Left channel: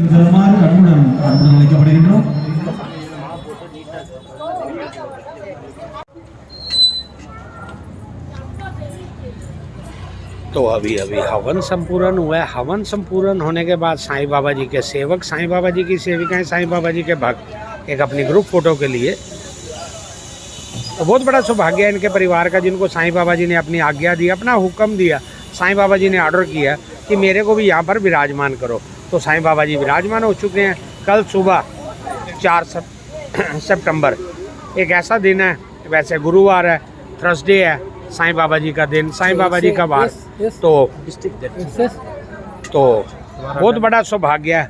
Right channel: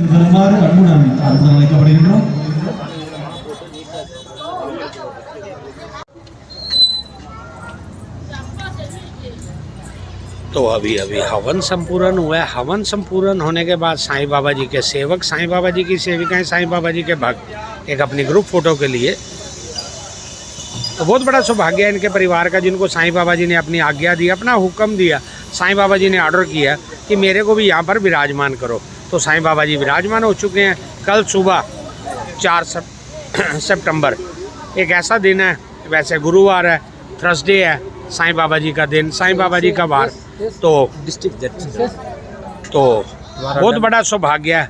तो अभी अभी हवन संपूर्ण हुआ है। हवन संपूर्ण होने के बाद साईं बाबा जी के सेवक, साईं बाबा जी की सेविकाएं, साईं बाबा जी के भक्त एक अपनी ग्रुप फोटो के लिए, तो बहुत बड़ा सौभाग्य है इनके परिवार का, जिनको साईं बाबा जी ने अपनी आज्ञा दी, अपना हुक्म दिया। साईं बाबा जी ने ऑर्डर किया कि मेरे को भी यहाँ पर विराजमान करो, तो साईं बाबा जी विराजमान हो चुके हैं। कल सुबह 4 सितंबर एक ऐसा दिन है, वैसे गुरुवार है, थर्सडे है, साईं बाबा जी का दिन, साईं बाबा जी का वार, तो बहुत बड़ा सौभाग्य है।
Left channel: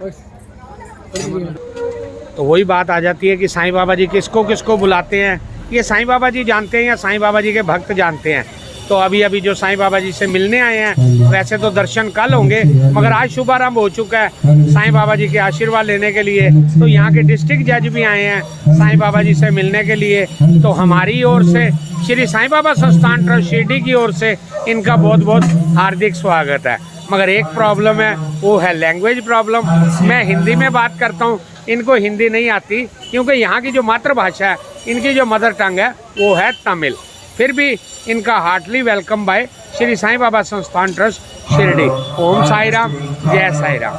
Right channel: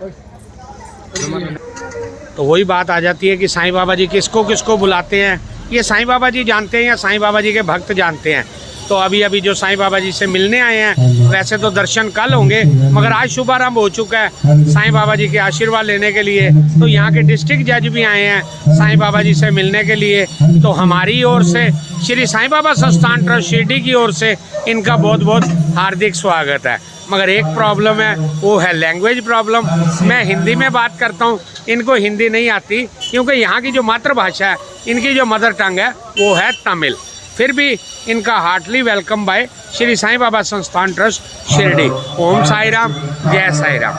तो वही बात आ जाती है कि साईं बाबा जी किसको किसको बुलाते हैं, ये साईं बाबा जी जानते हैं या साईं बाबा जी के भक्त जानते हैं। तो अभी अभी जो साईं बाबा जी से मिलने आए हैं, वैसे तो दर्शन कल होंगे, मगर आज शुभारंभ हो चुका है साईं बाबा जी के आशीर्वाद लेने के लिए। तो यहाँ के डिस्ट्रिक्ट जज भी आए हैं साईं बाबा जी से मिलने के लिए। तो हमारी ओर से, श्री साईं बाबा संस्थान ट्रस्ट शिरडी की ओर से इनका बहुत बहुत हार्दिक स्वागत है। मगर एक प्रॉब्लम है, वो है लैंग्वेज प्रॉब्लम। मैं हिंदी में बात करता हूँ, इनको हिंदी नहीं आती, क्योंकि यहाँ की जो मातृभाषा है, इनकी जो मदर टंग है वो है तमिल। फिर भी इनका heartily welcome by Shri Sai Baba Sansthan trust Shirdi. ओम साई राम, जय साई राम।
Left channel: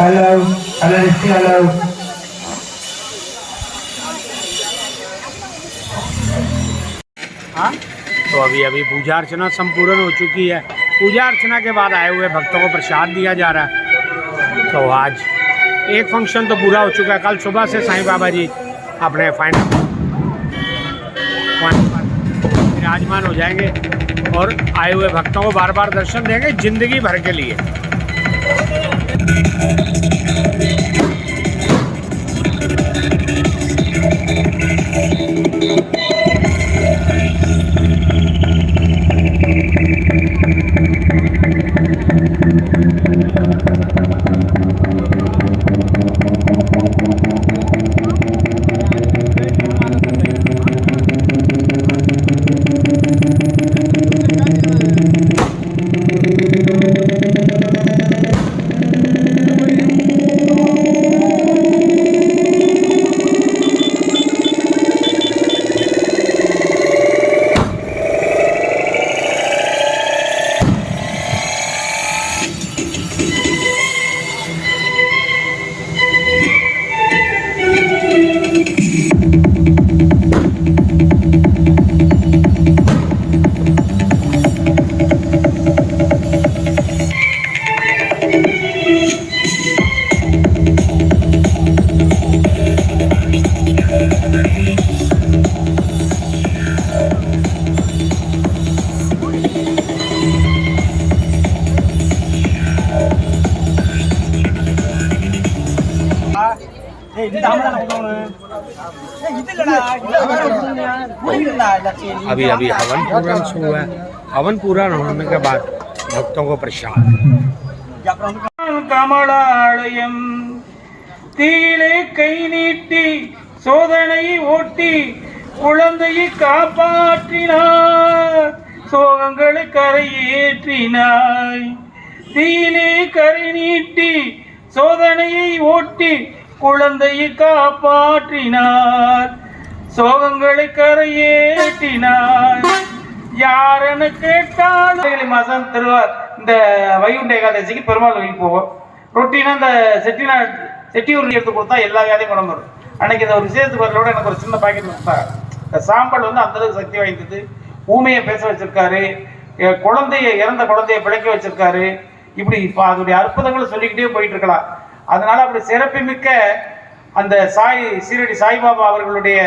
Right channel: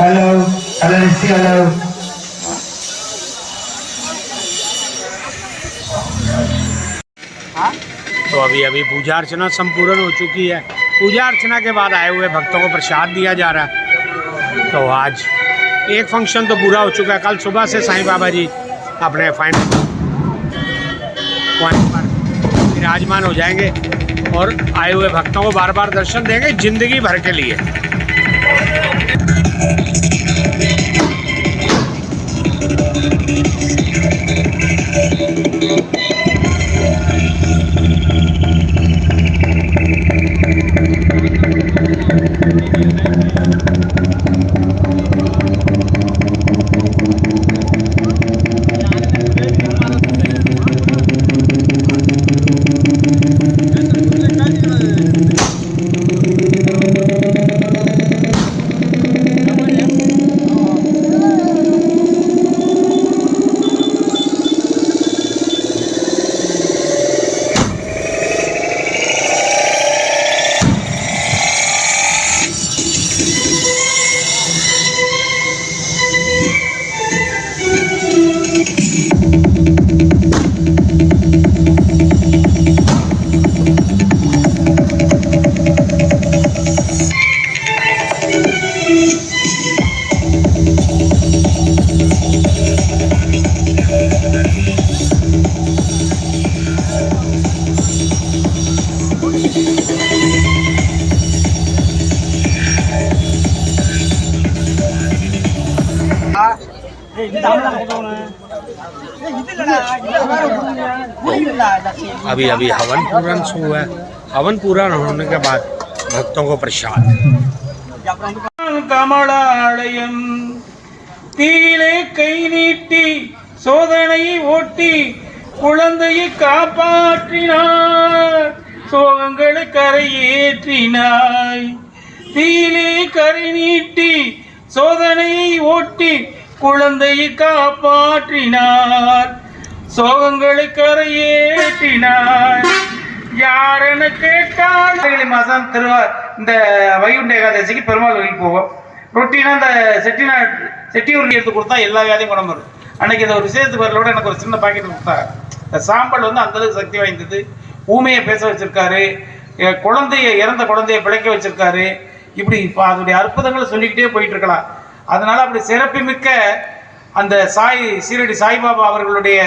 Hello hello. तो अभी अभी पूजा अर्चना संपूर्ण हो चुकी है। पूजा अर्चना के बाद आए हुए भक्तों को प्रसाद दिया जा रहा है। तो आज एक फंक्शन तो पूरा हो चुका है। कल सुबह से साईं बाबा जी अपने फाइनल पॉइंट पर विराजमान हो जाएंगे और आए हुए भक्तों को बार बार दर्शन देंगे जिंदगी भर के लिए। अभी अभी हवन पूर्ण हुआ है। हवन पूर्ण होने के बाद भक्तों को प्रसाद। कमलालयम தீயிலே கை நீட்டி சோதனை ஓட்டி குழந்தையை காப்பாற்றினார், சோகங்களை கரையேற்றினாய். தீயிலே கரை நீட்டி சோதனையை ஓட்டி குழந்தையை காப்பாற்றினார், சோகங்களை கரையேற்றினார். யாரென கேட்டால் மாதம் இந்த வைகுண்ட ஏகாதசிக்கு பெருமாள் கோயிலுக்கு போவோம். ரொட்டீனாக இந்த செட்டியூர் எடுத்து கொடுத்தா எல்லா வியாதியும் குணம் வரும். அன்னைக்கு இந்த ஒரு விசேஷத்துக்கு வரலோட எனக்கு ஒரு சின்ன பாக்கெட் கொடுத்தாங்க. இந்த சாம்பல் வந்து அந்தளவுக்கு சக்தி வாய்ந்தது. ஊமையை பேச வச்சிருக்காரு, இறந்த குழந்தைய பிழைக்க வச்சிருக்காரு. இப்படி இப்போ அதனுடைய அற்புதங்களை சொல்லிக்கிட்டே போயிட்டு இருக்கலாம். அதனால அப்படி சிறப்புமிக்க அந்த சீரடி சாய்பாபா அவர்களுடைய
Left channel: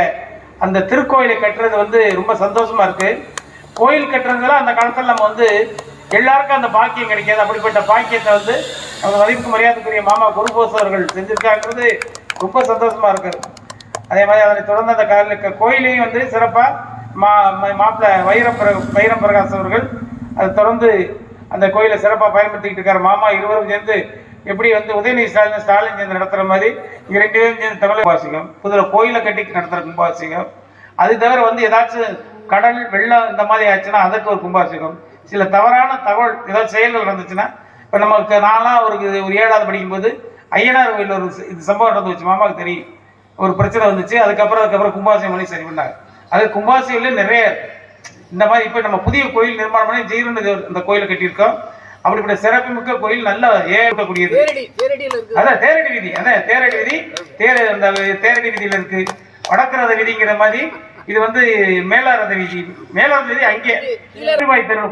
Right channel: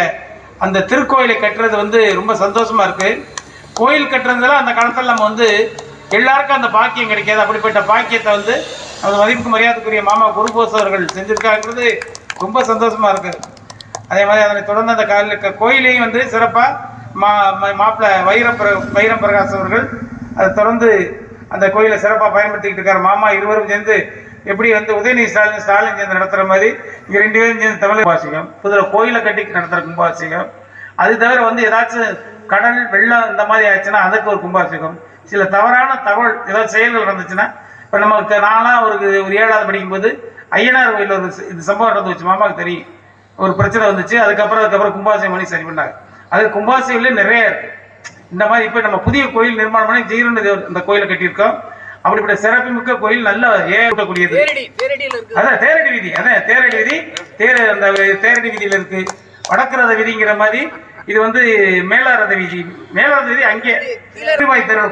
அந்த திருக்கோயிலை கட்டுறது வந்து ரொம்ப சந்தோஷமா இருக்கு. கோயில் கட்டுறதுல அந்த காலத்தில் நம்ம வந்து எல்லாருக்கும் அந்த பாக்கியம் கிடைக்காது. அப்படிப்பட்ட பாக்கியத்தை வந்து அவங்க மதிப்புக்கு மரியாதைக்குரிய மாமா குருபோஸ் அவர்கள் செஞ்சிருக்காங்கிறது ரொம்ப சந்தோஷமா இருக்கு. அதே மாதிரி அதனை தொடர்ந்து அந்த கோயிலையும் வந்து சிறப்பாக மாப்பிள்ளை வைரம் பிரகாஷ் அவர்கள் அதை தொடர்ந்து அந்த கோயிலை சிறப்பாக பயன்படுத்திக்கிட்டு இருக்காரு. மாமா இருவரும் சேர்ந்து எப்படி வந்து உதயநிதி ஸ்டாலின் சேர்ந்து நடத்துகிற மாதிரி இங்கே 2 பேரும் சேர்ந்து தமிழ் கும்பாபிஷேகம், இதில் கோயிலை கட்டி நடத்துகிற கும்பாபிஷேகம். அது தவிர வந்து ஏதாச்சும் கடல் வெள்ளம் இந்த மாதிரி ஆச்சுன்னா அதுக்கு ஒரு கும்பாபிஷேகம். சில தவறான தகவல் ஏதாவது செயல்கள் நடந்துச்சுன்னா, இப்போ நமக்கு நான்லாம் ஒரு 7வது படிக்கும்போது ஐயனார் கோயில் ஒரு இது சம்பவம் நடந்து வச்சு, மாமாவுக்கு தெரியும். ஒரு பிரச்சனை வந்துச்சு, அதுக்கப்புறம் கும்பாபிஷேகம் பண்ணி சரி பண்ணாங்க. அது கும்பாபிஷேகம்லேயே நிறைய இருக்கு இந்த மாதிரி. இப்போ நம்ம புதிய கோயில் நிர்மாணம் பண்ணி ஜீரன் இந்த கோயிலை கட்டியிருக்கோம். அப்படிப்பட்ட சிறப்புமிக்க கோயில், நல்ல ஏறக்கூடியது. அதான் தேரடி வீதி, அந்த தேரடி வீதியில இருக்கு. வடக்குரத வீதிங்கிற மாதிரி இது வந்து மேலாரத வீதி. மேலாரத வீதி அங்கே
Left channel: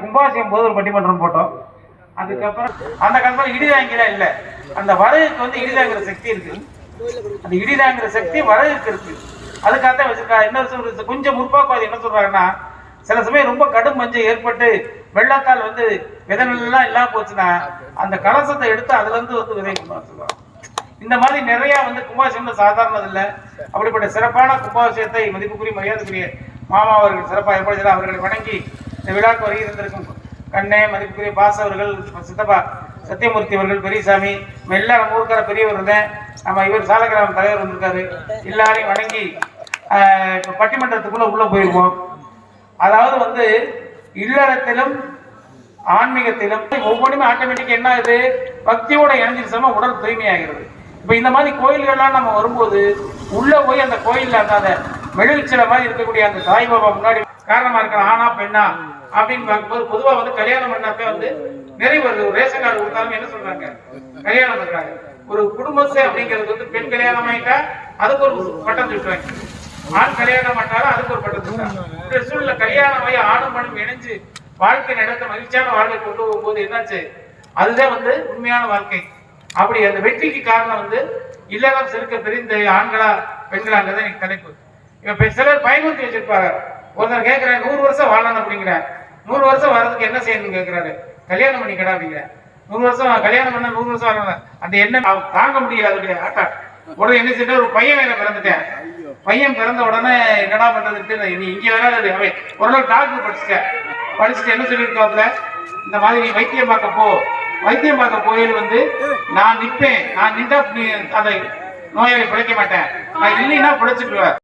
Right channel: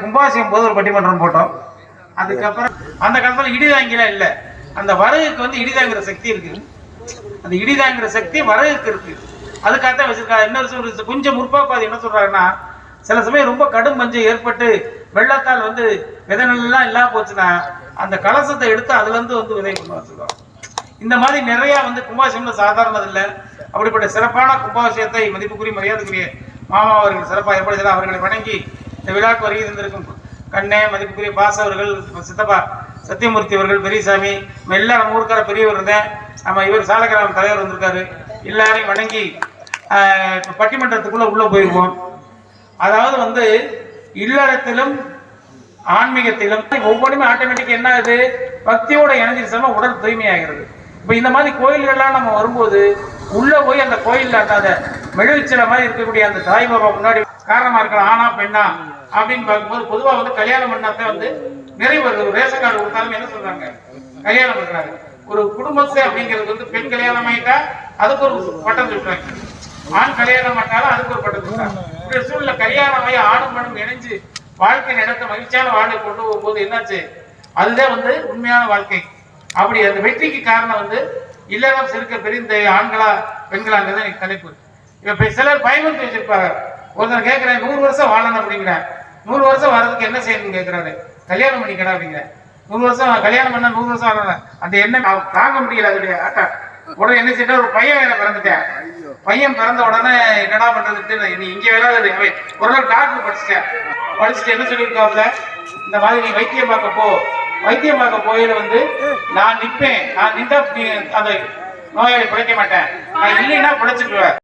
கும்பாபிஷேகம் போது ஒரு பட்டிமன்றம் போட்டோம். அதுக்கப்புறம் அந்த காலத்துல இடிதாங்கிலாம் இல்லை, அந்த வரகுக்கு வந்து இடிதாங்கிற சக்தி இருக்கு. அந்த இடிதாங்கிற சக்தி வரகுக்கு இருக்கு. அதுக்காகத்தான் வச்சிருக்காங்க. இன்னொரு கொஞ்சம் முற்போக்குவாதி என்ன சொல்றாங்கன்னா, சில சமயம் ரொம்ப கடும் பஞ்சம் ஏற்பட்டு வெள்ளத்தால் வந்து விதைநெல்லாம் இல்லாம போச்சுன்னா அந்த கலசத்தை எடுத்து அதுல இருந்து வந்து விதை கொண்டு வச்சுருவாங்க. இந்த மாதிரி நிறைய வந்து கும்பாபிஷேகம் சாதாரணது இல்லை. அப்படிப்பட்ட சிறப்பான கும்பாபிஷேகத்தை மதிப்புக்குரிய மரியாதைக்குரிய மாமா அவர்கள் சிறப்பாக ஏற்படுத்தி அவர்களை வணங்கி இந்த விழாக்கு வருகை தந்திருக்கும் கண்ணே, மதிப்புக்குரிய பாச அவர்கள், சித்தப்பா சத்தியமூர்த்தி அவர்கள், பெரியசாமி, எல்லாம் நம்ம ஊருக்கார பெரியவர் இருந்தேன். நம்ம இவர் சாலக்கிராம தலைவர் வந்திருக்காரு. எல்லாரையும் வணங்கி பட்டிமன்றத்துக்குள்ள உள்ள போயிருவோம். அதாவது வந்து இல்லறத்திலும் ஆன்மீகத்திலும் ஒவ்வொன்றுமே ஆட்டோமேட்டிக் என்ன ஆகுது, பக்தியோட இணைஞ்சிருச்சோம்னா உடல் தூய்மையாகிறது. இப்போ இந்த மாதிரி கோயில்கள்லாம் நம்ம வரும்போது உள்ள போய் அந்த கோயிலில் அந்த மெழுகுச்சில மாதிரி இருக்கக்கூடிய அந்த தாய் பாபா முன்னாடி காரணமா இருக்கிற ஆனா பெண்ணா அப்படின்னு பார்க்கும்போது பொதுவாக வந்து கல்யாணம் பண்ணாத்தே வந்து நிறைய வருது. ஒரு ரேஷன் கார்டு கொடுத்தாலும் என்ன சொல்றாங்க, கல்யாணம் பண்றாங்க. ஒரு குடும்பத்தை அப்படிங்கிறது வந்து பெண் கல்யாணம் ஆயிட்டா அதுக்கு ஒரு பட்டம் சொல்றாங்க, ஆண் கல்யாணம் பண்ணாலும் அதுக்கு ஒரு பட்டம் சொல்றாங்க. இந்த சூழ்நிலை கல்யாணம் ஆகி ஆணும் மனம் இணைஞ்சு வாழ்க்கை நடத்த மகிழ்ச்சியான வாழ்க்கை கொண்டு போகும்போது என்னாச்சு, அதுதான் வந்து உண்மையான வாழ்க்கை. அப்படி அந்த வெற்றிக்கு காரணம் வந்து இல்லறம் சிறுக்க பெரிய ஆண்களா பெண்களாங்கிறத எனக்கு தலைப்பு. இப்ப சிலர் பயமுறுத்தி வச்சிருப்பாங்க. ஒருத்தர் கேட்கிறேன் 100 வருஷம் வாழணும் அப்படிங்கிற, 100 வருஷம் வர்றதுக்கு என்ன செய்யணும்னு கேட்கிறாரு. கல்யாணம் பண்ணிக்கடா அப்படிங்கிற. 100 வருஷம் கல்யாணம் பண்ண 100 வருஷம் வரணும் அந்த என்ன தாங்க முடியல. அதோடைய ஆட்டா உடனே என்ன செய்ய, ஒரு பையன் வேற பிறந்துட்டேன். பையன் பிறந்த உடனே என்னடா பண்றதுட்டு நீ இங்க வேற ஒரு டாக்டர் படிச்சுட்டு என்ன சொல்லியிருக்காப்புல, இந்த மாதிரி நீ வைத்தியம் பார்க்க போ. வைத்தியம் பார்க்க கோயில வந்து நான் நிற்பேன், நான் நின்றா நீ அந்த நோயாளி பிழைக்க மாட்டேன், நான் இல்லைன்னா பிழைச்சிக்குவேன்.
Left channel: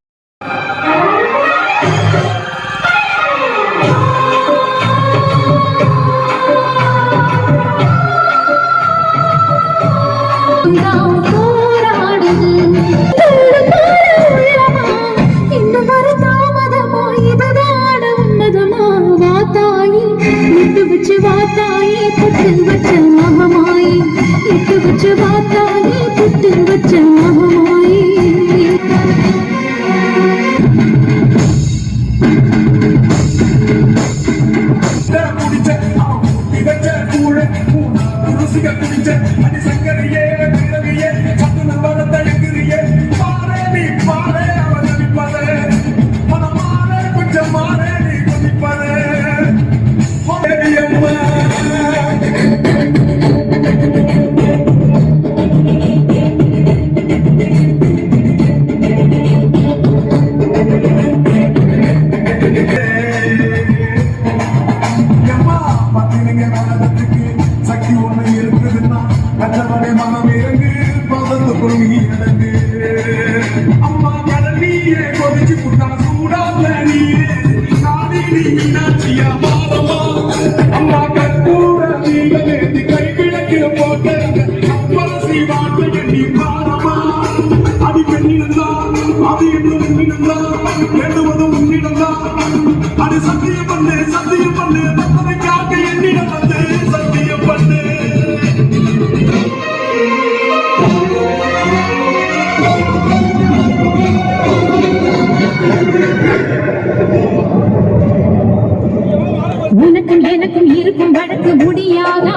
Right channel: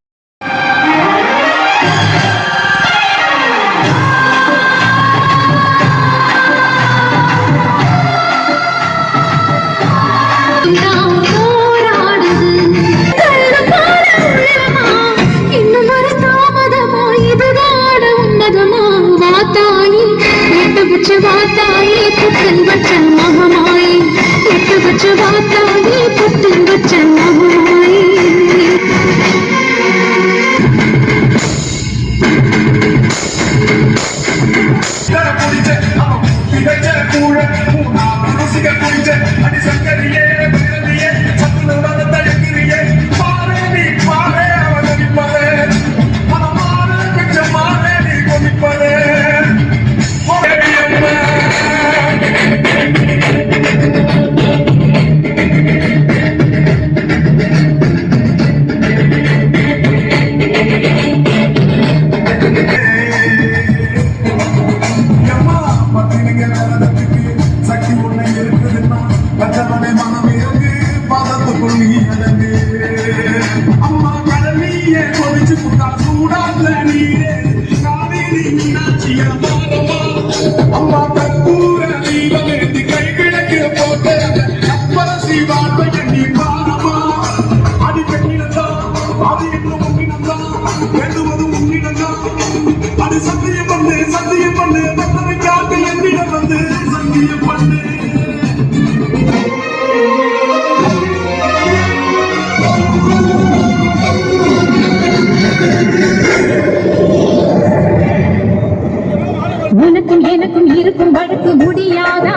உனக்கும் எனக்கும் இருக்கும் வழக்கு முடியாதா,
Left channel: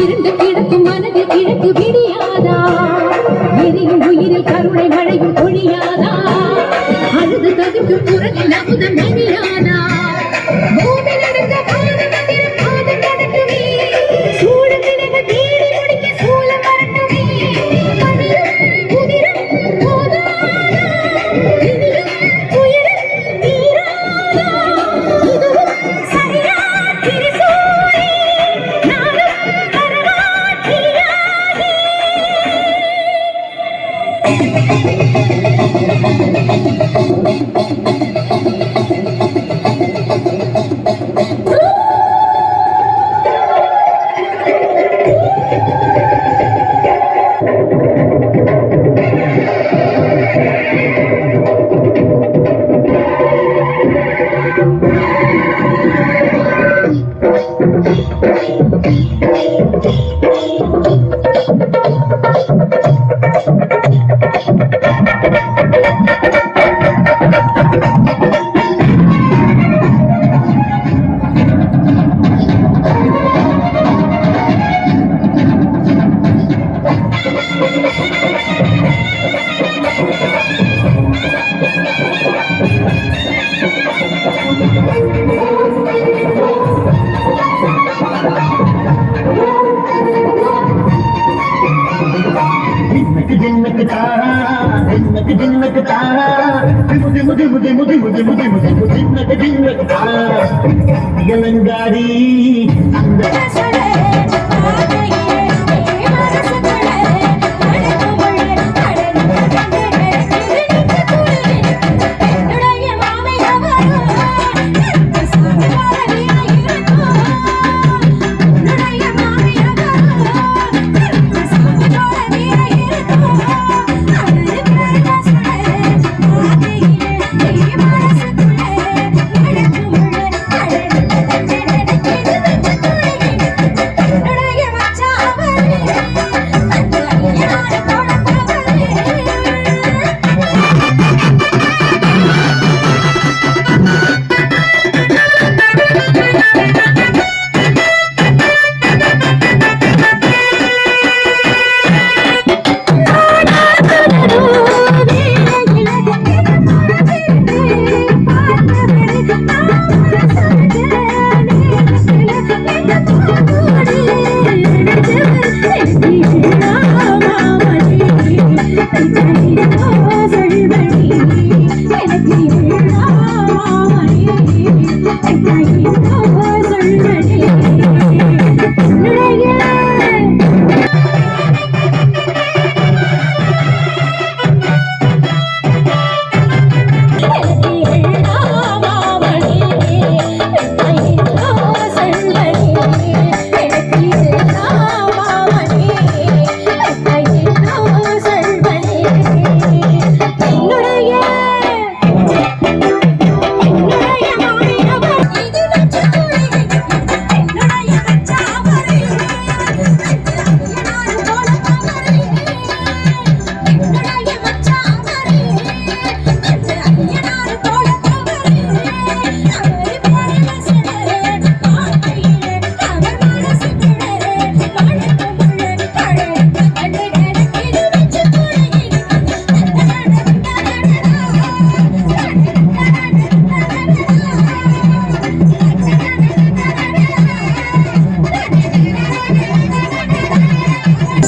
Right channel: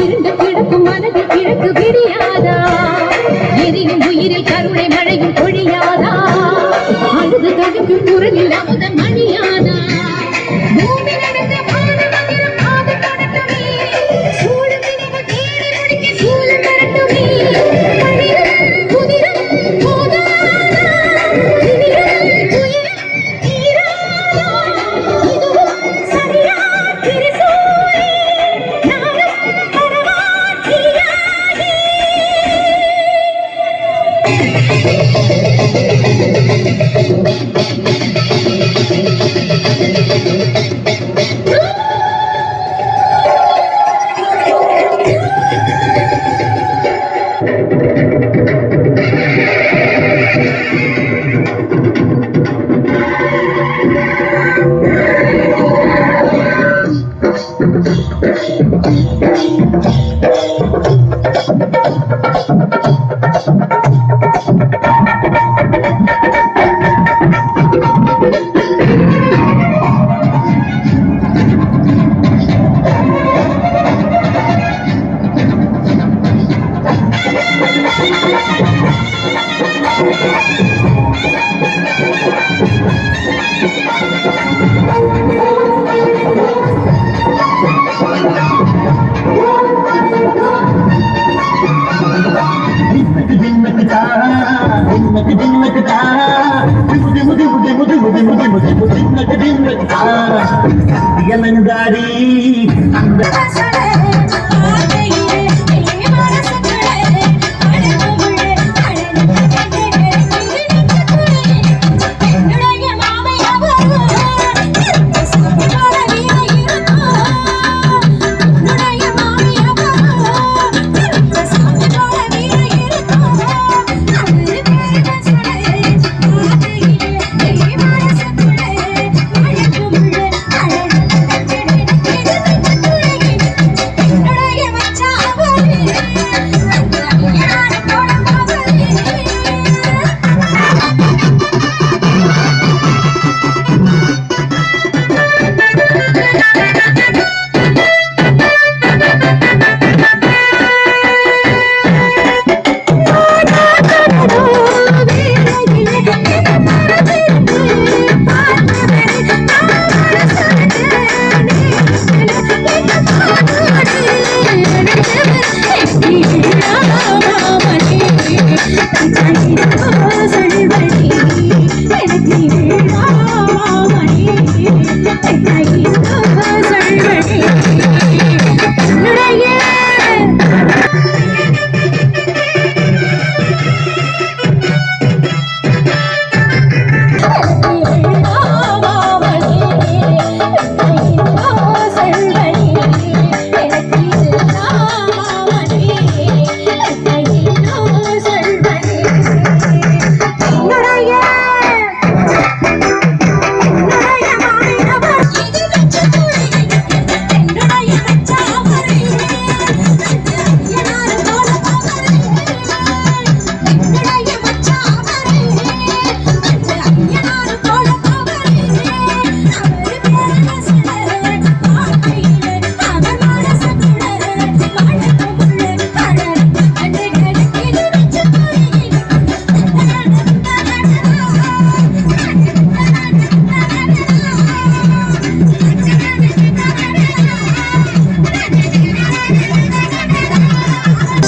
இருண்டு கிடக்கும் மனதில் கிழக்கு விடியாதா, எரியும் உயிரில் கருணை மழையும் பொழியாதா, அழுது தவிக்கும் குரலில் அமுத மணியாதா, பூமி நடந்த பாரமந்திரம் காது கடட்டுமே, சூழல் நினைவு தேடி முடிக்க சூழல் வரட்டுமே, மனிதம் புதிரம் போதாதா, திமிரம் துயரம் தீராதா, இதுவும் சரியா திருசூரே, நானும் கரவாக்கியாகி. அலங்காரி அந்த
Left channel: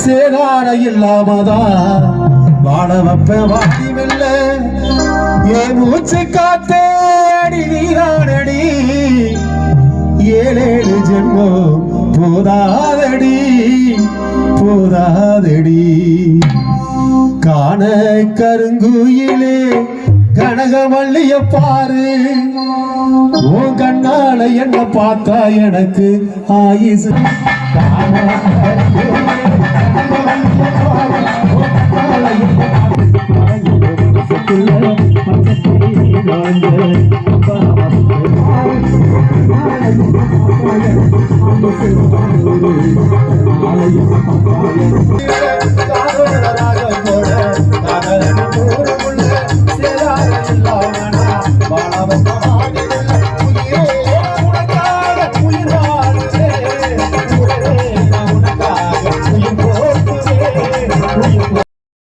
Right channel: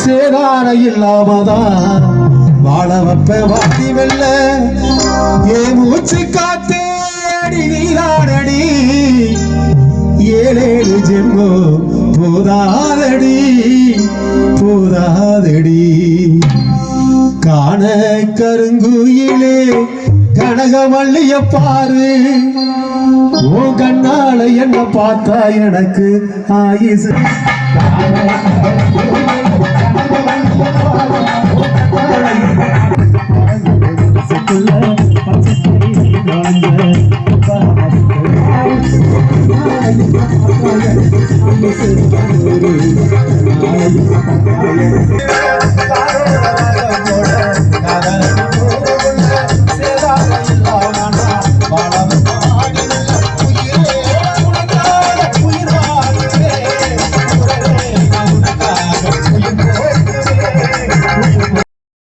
சேதார இல்லாமதான் வாழ வப்ப வாடி வெல்ல ஏ மூச்சு காத்தேடி நீரானடி ஏழேழு ஜென்மோ போதாதடி போதாதடி காண கருங்குயிலே கனகவள்ளிய பாரு உன் கண்ணால என்ன பார்த்தா எனக்கு ஆயுசு